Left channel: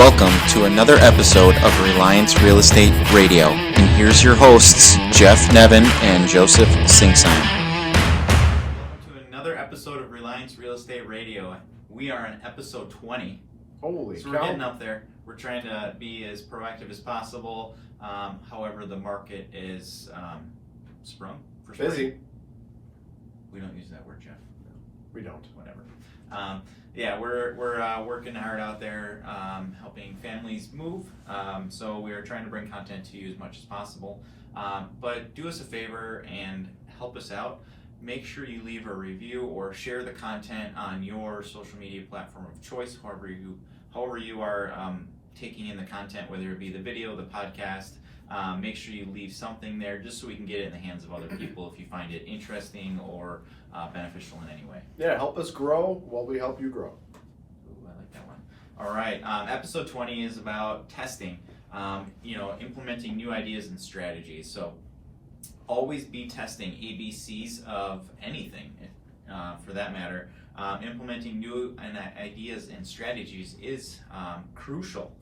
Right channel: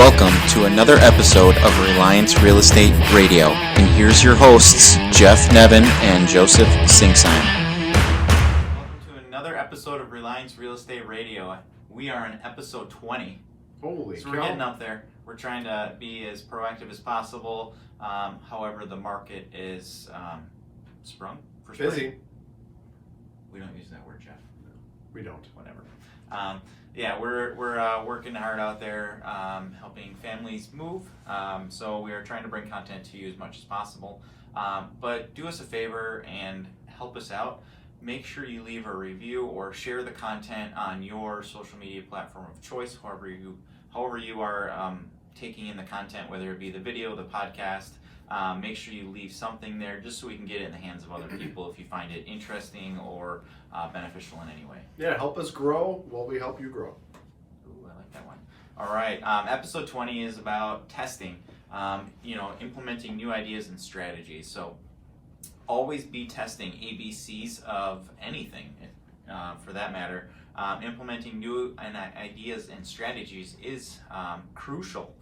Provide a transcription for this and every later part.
Welcome to another episode of Reliance Real Estate Radio. And here's your hosts, Jeff Nevin and Joseph Singsheim. Welcome to another episode of Reliance Real Estate Radio. We are in episode 20. Holy so cow. We're getting up there. We're trying to be as proactive as possible. However, the market is sprung for sure. Busy. We don't use that word, Jeff. We don't. Whatever. We're working hard out there, helping families move. So we are trying to bring content to you as much as possible. But do us a favor and help us out. Make sure you leave a review or share the content on your social media platform of choice, however you are taking in the content, whether it be the video, the podcast. Make sure you leave something there just so we can get it in the hands of other people if you find it interesting or beneficial in any way. Yeah, help us grow while we help you grow. Ooh, I like that one. All right, episode 20 is about testing, implementing new ideas and strategies. So always be testing ABCs of anything, for that matter. Implementing new ideas and strategies is crucial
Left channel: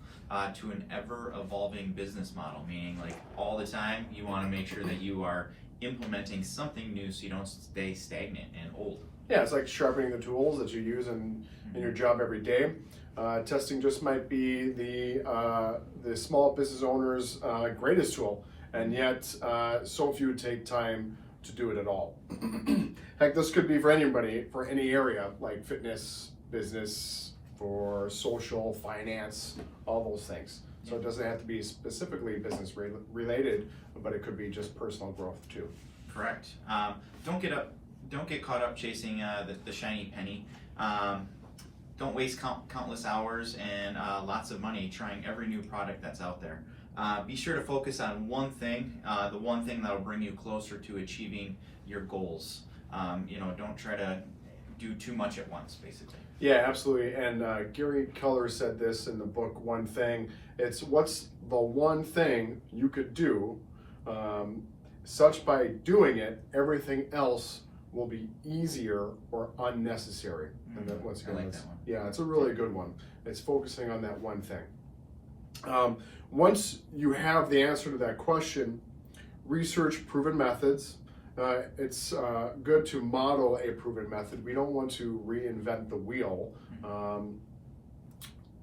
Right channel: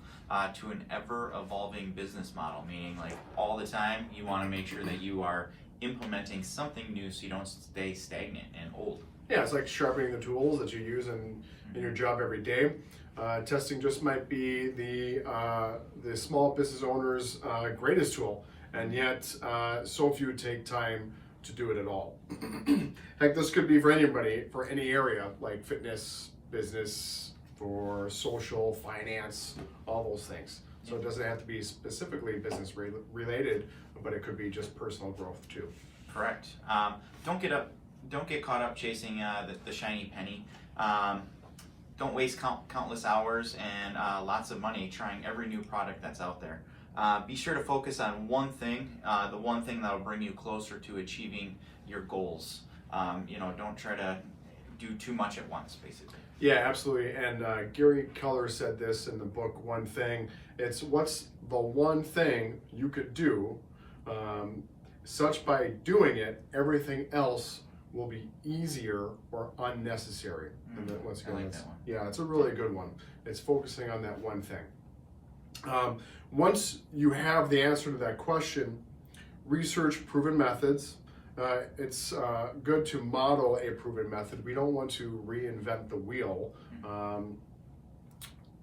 to an ever-evolving business model, meaning like all the time you want to make sure that you are implementing something new so you don't stay stagnant and old. Yeah, it's like sharpening the tools that you use in your job every day. Testing just might be the small business owner's greatest tool, and yet so few take time to do it at all. Heck, this could be for anybody, for any area, like fitness, business, for social, finance, all those things. So it doesn't have to be specifically business related, but it could be just personal growth too. Correct. Don't get caught up chasing the shiny penny. Don't waste countless hours and lots of money trying every new product that's out there. Be sure to focus on one thing, the one thing that will bring you closer to achieving your goals. Don't try to do too much at once, basically. Yeah, absolutely. And Gary Keller said this in the book, One Thing. It's what's the one thing you could do, such by doing it, everything else will be easier or unnecessary. And then once again, I like that one. Yeah, it's a really good one. It's focusing on that one thing. Once you have the answer to that question, research proven methods. It's good to model a proven method. We don't want to reinvent the wheel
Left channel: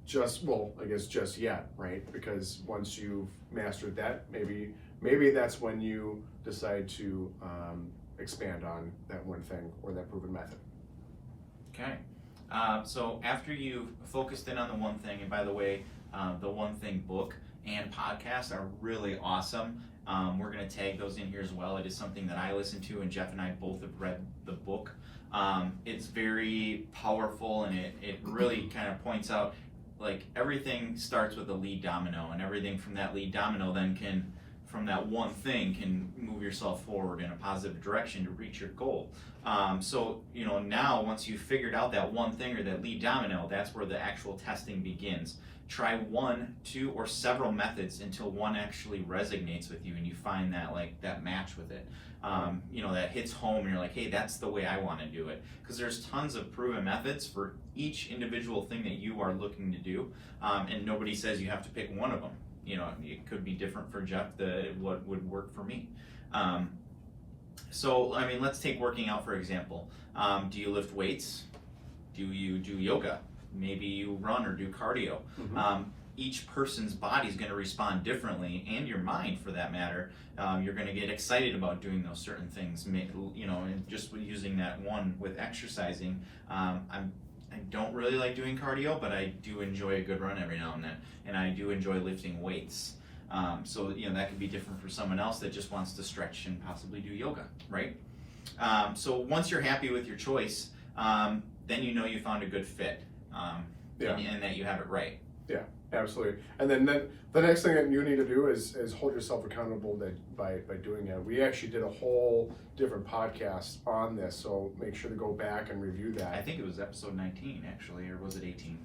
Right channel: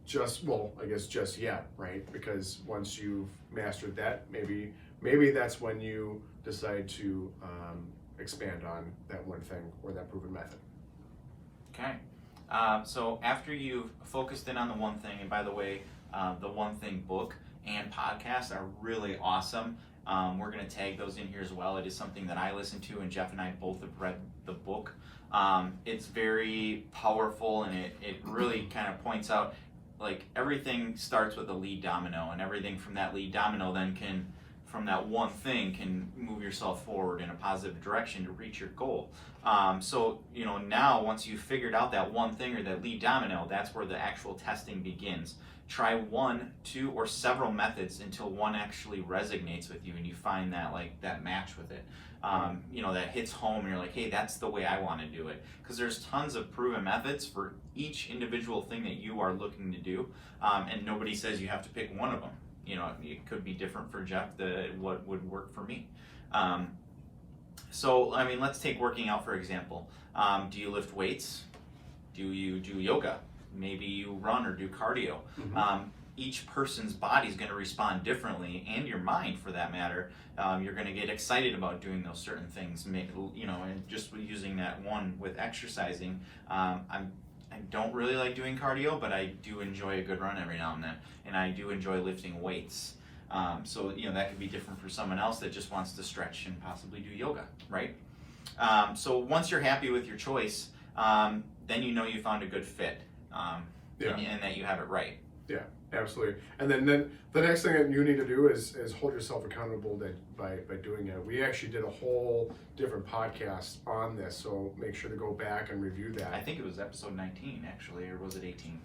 just yet, right? Because once you've mastered that, maybe that's when you decide to expand on that one thing or that proven method. Okay. So after you've focused in on the one thing, and by the way, the One Thing book and podcast are really awesome. We're going to tag those in here as well. It is something that I listen to, and Jeff and I both have read the book. It's very powerful, and it really kind of points out, like, everything starts with a lead domino, and everything from that lead domino then from that one thing can move yourself forward in a positive direction to reach your goal. So now once you've figured out that one thing or that lead domino, that's where the actual testing begins. Try one, two, or several methods until one actually resonates with you and you find that match with it. That hits home and you're like, hey, that's the way I want to do it. Because there's tons of proven methods for each individual thing that you are looking to do, and nobody says you have to pick one of them. It could be different for Jeff what would work for me. Let's take working out, for example. Do you lift weights? Do you do yoga? Maybe you run or do cardio. Mm-hmm. Each person's body is going to respond differently, and your mind, for that matter. You're going to get excited about doing those certain things. And just using that one with exercising. I don't really like doing cardio, but I do enjoy a good run every now and then, and I do enjoy lifting weights. That could be different for someone else that just wants to stretch and possibly do yoga, right? So once you're happy with your choice, then you found a good fit. And that you have it right. Yeah, absolutely. And then the next thing that you need to do is hold yourself accountable by doing it. We actually did a whole different podcast on this, so make sure to go back and review that. I think it was episode 19 actually, or was it 18?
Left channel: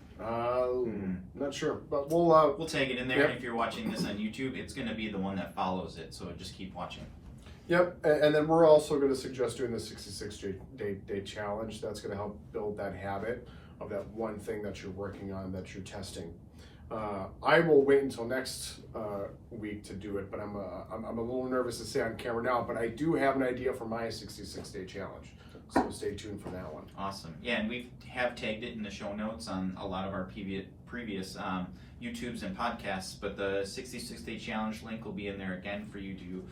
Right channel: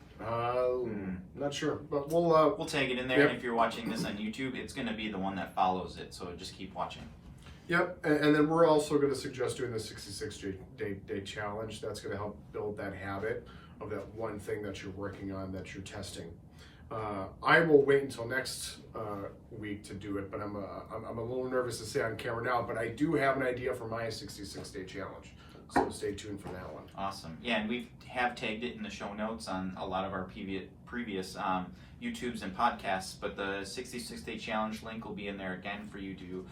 Not sure, but we'll tag it in there. Yep. And if you're watching this on YouTube, it's going to be the one that follows it, so just keep watching. Yep, and then we're also going to suggest doing the 66-day challenge. That's going to help build that habit of that one thing that you're working on, that you're testing. I will wait until next week to do it, but I'm a little nervous to say on camera now. But I do have an idea for my 66-day challenge, so stay tuned for that one. Awesome. Yeah, and we have tagged it in the show notes on a lot of our previous YouTubes and podcasts. But the 66-day challenge link will be in there again for you to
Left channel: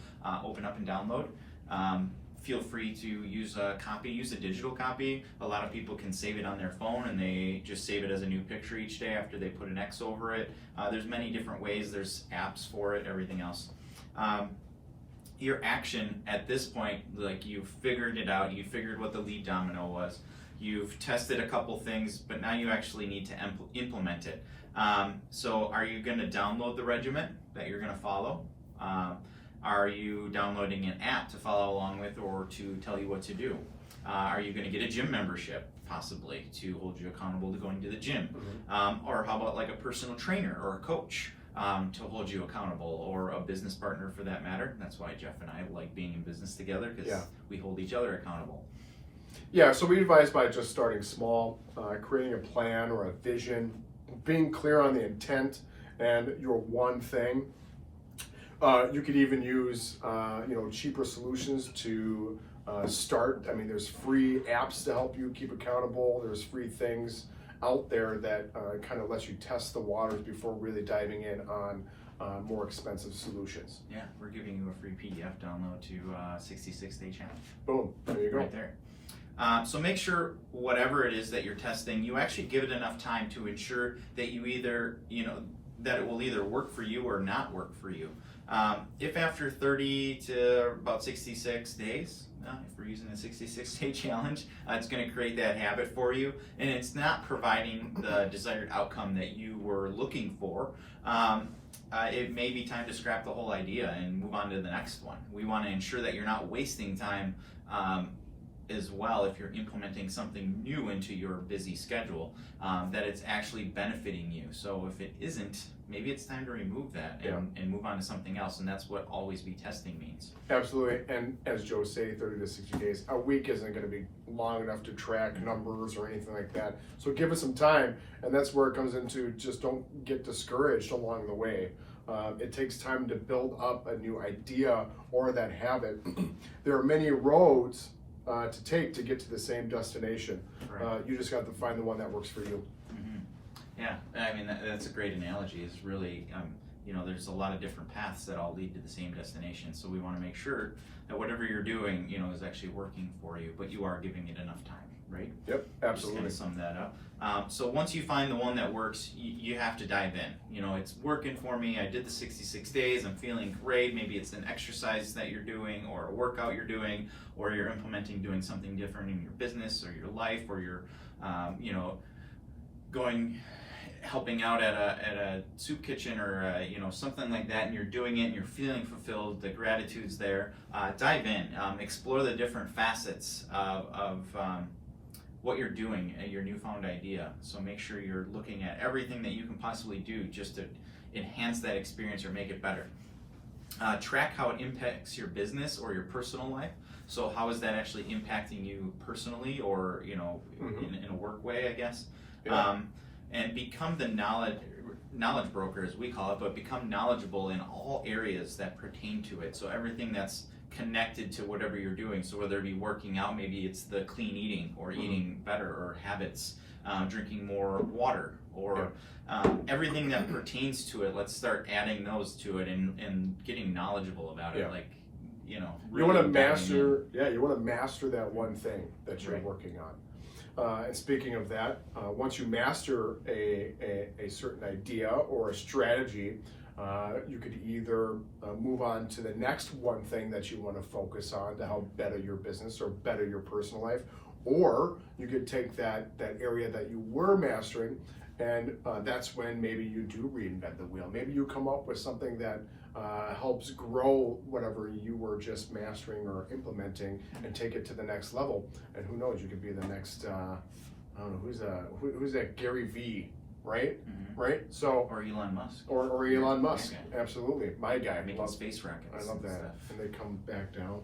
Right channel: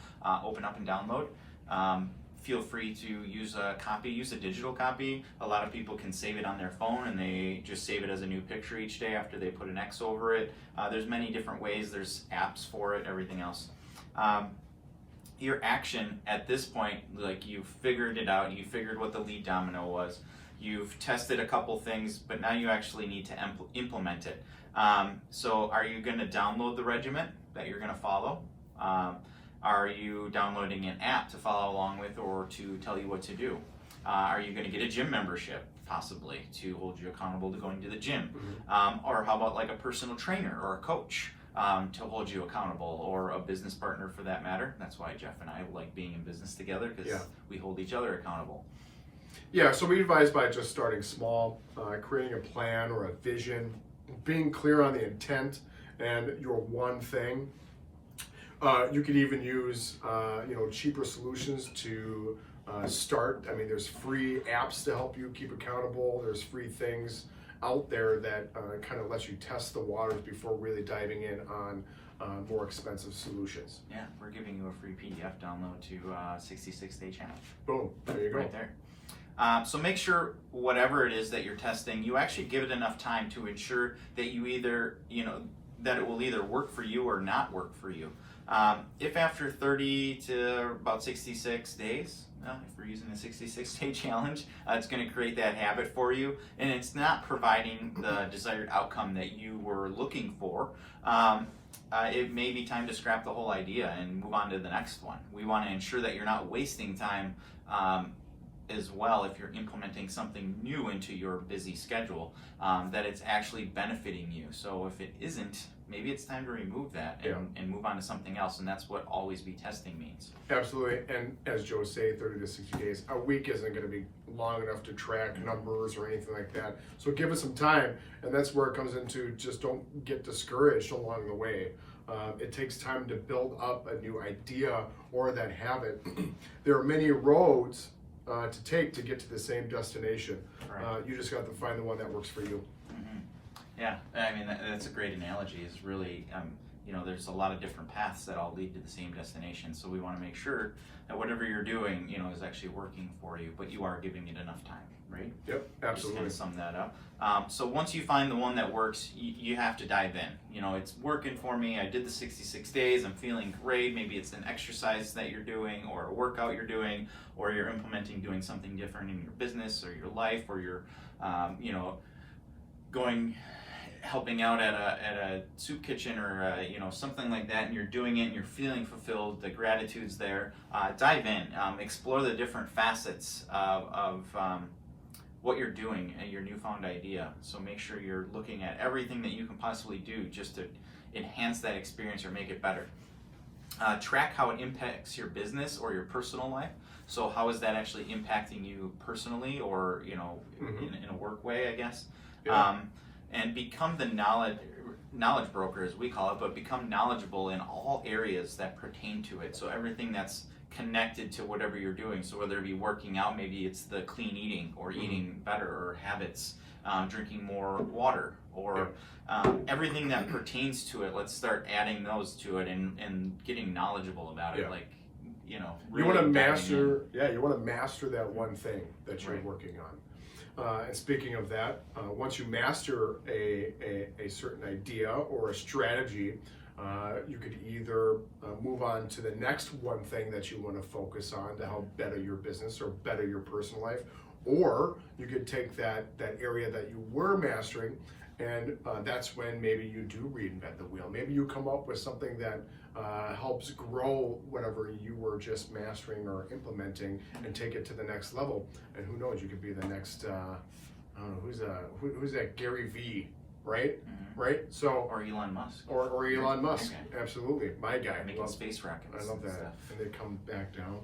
open up and download. Feel free to use a copy, use a digital copy. A lot of people can save it on their phone and they just save it as a new picture each day after they put an X over it. There's many different ways, there's apps for it, everything else. Your action at this point, like you've figured it out, you figured what the lead domino was, you've tested a couple things, but now you actually need to implement it. So are you going to download the regimen that you're going to follow? Are you downloading an app to follow along with or to tell you what to do? Are you going to get a gym membership, possibly, to hold you accountable to going to the gym? Or how about like a personal trainer or a coach to hold you accountable, or a business partner for that matter? That's why Jeff and I like being in business together, because we hold each other accountable. Yeah, so we advise by just starting small, creating a plan or a vision, being clear on the intent and your one thing. You could even use cheaper solutions to start. I mean, there's free apps to help you keep accountable. There's free things out there that kind of lets you test the waters before really diving in on more expensive solutions. Yeah, we're giving you a free PDF download to 66-day challenge. Boom, there you go. Right there. So make sure whatever it is that you're testing, you actually give it enough time to ensure that you either, that it will either work for you or not work for you. If after 30 to about 66 days, if we're using a 66-day challenge, it's going to create that habit for you, and it's not providing the desired outcome that you were looking for, it may be time to scrap the whole idea and move on to the next one. We want to ensure that you're not wasting time as well if you're implementing something new into your busy schedule, that it's actually benefiting you. So if it isn't, maybe it's time to remove that and move on to something else, and that's what always be testing means. Absolutely, and as Joe say, 30 to 60 days, a week isn't going to be long enough to track numbers or anything like that. So give it some time, and that's where it comes into just don't get discouraged along the way. It takes time to build up a new idea or that habit. There are many roads to take to get to the same destination. Right. You just got to find the one that works for you. Yeah, I mean, that's a great analogy. It's really, there's a lot of different paths that all lead to the same destination. So we want to make sure that whatever you're doing, is actually working for you, but you are giving it enough time, right? Yep, absolutely. Just to sum that up. So once you find the one that works, you have to dive in. It's working for me. I did the 66 days. I'm feeling great. Maybe it's an exercise that you're doing or a workout you're doing, or you're implementing doing something different in your business or your life, or you're, helping out at a soup kitchen or something like that, and you're doing it and you're feeling fulfilled, the gratitude's there. Dive in, explore the different facets of what you're doing at your newfound idea. So make sure you're looking at everything that you can possibly do just to enhance that experience or make it better. Track how it impacts your business or your personal life. So how is that actually impacting you personally, or in a work way, I guess. Yeah. And become the knowledge broker, as we call it, but become knowledgeable in all areas that pertain to it. So everything that's connected to whatever you're doing. So whether it be working out, maybe it's the clean eating or eating better, or habits, drinking more water, or everything that pertains to it. Let's start adding those to it and getting knowledgeable about it. Like, really you want to master. Yeah, you want to master that one thing that you're working on. And speaking of that, once you master a certain idea or a strategy, you could either move on to the next one thing that you want to focus on to help better your business or better your personal life, or you could take that area that you were mastering, and that's when maybe you do reinvent the wheel. Maybe you come up with something that helps grow whatever you were just mastering or implementing and take it to the next level. And who knows, you could be the next, I don't know, who's that Gary V, right? Mm-hmm. Right? So, or Elon Musk. Or Elon Musk, absolutely. My guy. Making space rockets. I love that. Stuff. And they come back down.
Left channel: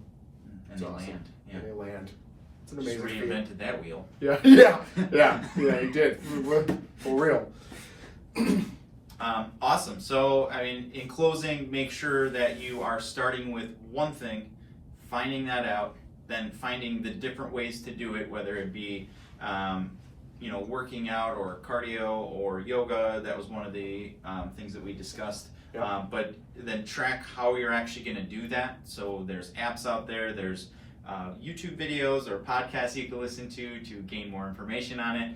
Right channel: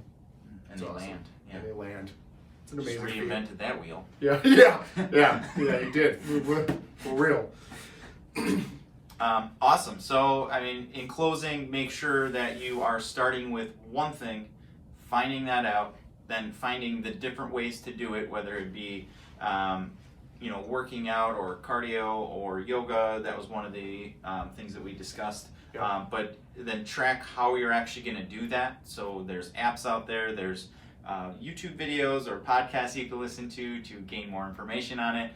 And they land. Yeah. And they land. It's an amazing feat. Reinvented that wheel. Yeah, he did. For real. Awesome. So, I mean, in closing, make sure that you are starting with one thing, finding that out, then finding the different ways to do it, whether it be, working out or cardio or yoga. That was one of the things that we discussed. Yeah. But then track how you're actually going to do that. So there's apps out there. There's YouTube videos or podcasts you can listen to gain more information on it.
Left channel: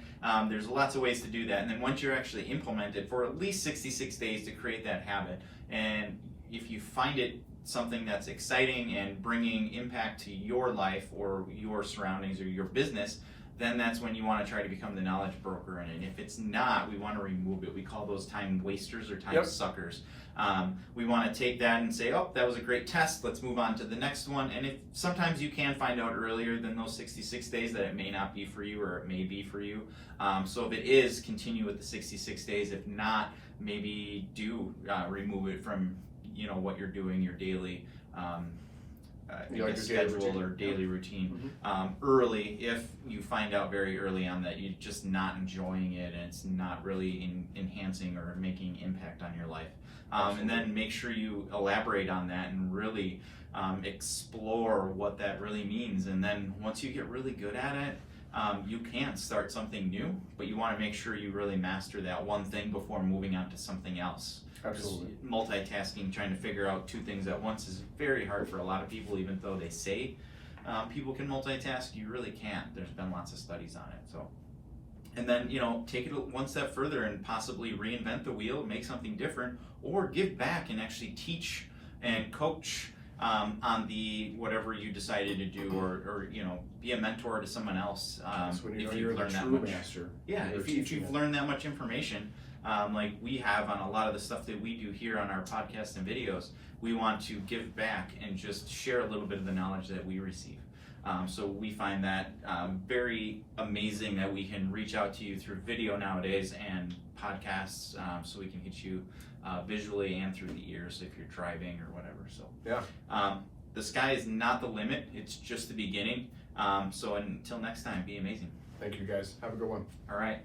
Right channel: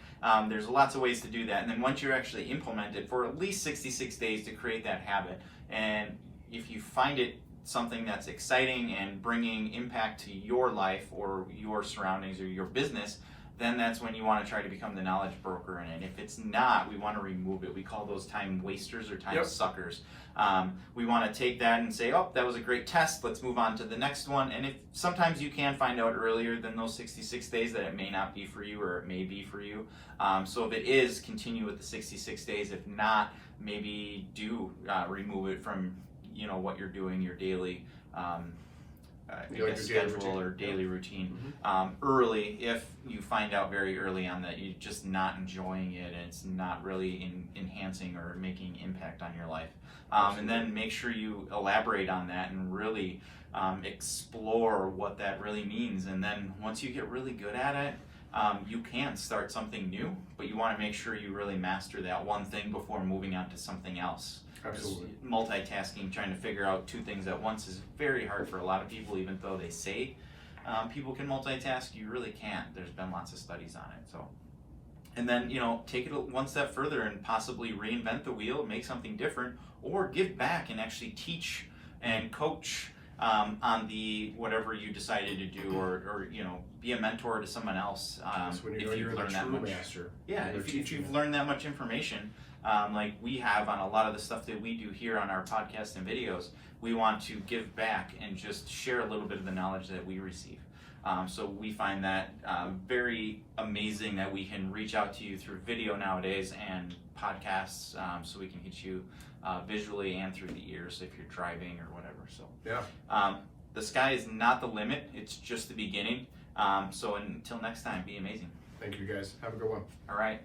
There's lots of ways to do that. And then once you're actually implemented for at least 66 days to create that habit, and if you find it something that's exciting and bringing impact to your life or your surroundings or your business, then that's when you want to try to become the knowledge broker in it. If it's not, we want to remove it. We call those time wasters or time suckers. We want to take that and say, oh, that was a great test. Let's move on to the next one. And if sometimes you can find out earlier than those 66 days that it may not be for you or it may be for you. So if it is, continue with the 66 days. If not, maybe do remove it from what you're doing, your daily schedule or daily routine early. If you find out very early on that you're just not enjoying it and it's not really enhancing or making impact on your life. And then make sure you elaborate on that and really explore what that really means. And then once you get really good at it, you can start something new, but you want to make sure you really master that one thing before moving on to something else. Absolutely. Multitasking, trying to figure out two things at once is very hard for a lot of people, even though they say people can multitask. You really can't. There's been lots of studies on it. So, and then, take it one step further and possibly reinvent the wheel, make something different, or give back and actually teach and coach on the whatever you decided to do, or be a mentor to someone else. When you're the true master. Yeah, if you've learned that much information, like we have on a lot of the stuff that we do here on our podcast and videos, we want to give back and just share a little bit of the knowledge that we receive. So we find that very amazing that we can reach out to you through video nowadays and podcasts, so we can hit you visually and through the ears if you're driving or whatever. So yeah, the sky is not the limit; it's just the beginning. So until next time, be amazing. Thank you guys. Have a good one. All right.